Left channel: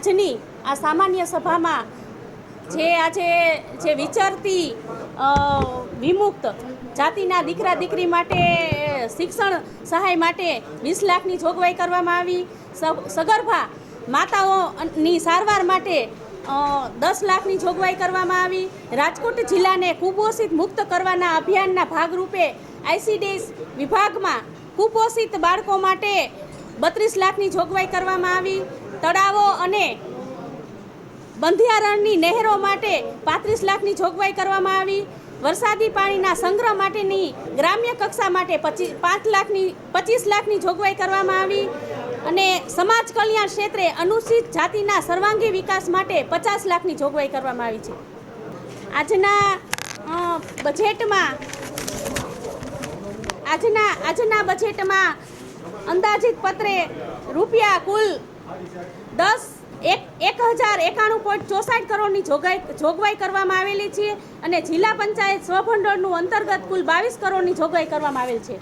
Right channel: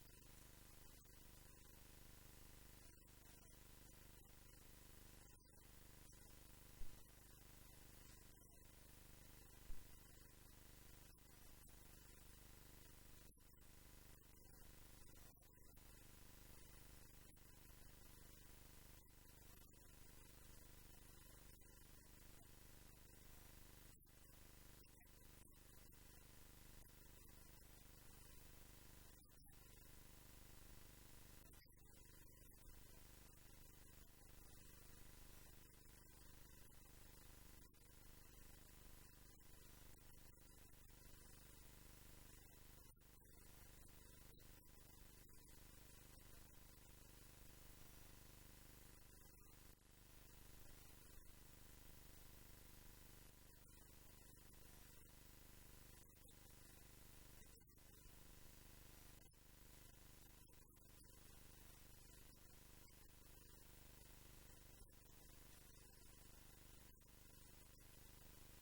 આજની આ સામાન્ય સભામાં જે આજે જે વિચારતી વિમુક્ત જાતિના દીકરા દીકરી માટે શિક્ષણ સહાય માટે વીસ લાખની જોગવાઈ કરવામાં આવી સગર્ભા માતાઓની સારવાર માટે દસ લાખની જોગવાઈ કરવામાં આવી રાજકોટ જિલ્લાને કુપોષિત મુક્ત કરવાના અભિયાનના ભાગરૂપે આઈસીડીએસ વિભાગમાં કુપોષિત બાળકો માટે બત્રીસ લાખની જોગવાઈ કરવામાં આવી તળાવો અને બંધિયારણની નહેરો માટે પાંત્રીસ લાખની જોગવાઈ કરવામાં આવી વરસાદી પાણીના સંગ્રહ માટેની ગ્રામ્ય કક્ષા માટે પચીસ પાંચ લાખની પચીસ લાખની જોગવાઈ કરવામાં આવી અને સમાજ કલ્યાણ ક્ષેત્રે અનુસૂચિત જાતિના સર્વાંગી વિકાસ માટે પચાસ લાખની જોગવાઈ કરવામાં આવી છે આજના બજેટમાં આજના આજના બજેટમાં અંદાજિત પત્રે રૂપિયા કુલ દસ એક એક હજાર એકાણું પોઈન્ટ ચોસાઠ કરોડની જોગવાઈ જોગવાઈ કરવામાં આવેલી છે અને જિલ્લા પંચાયત સ્વભંડોળનું અંતર્ગત કુલ બાવીસ કરોડની જોગવાઈ કરવામાં આવેલ છે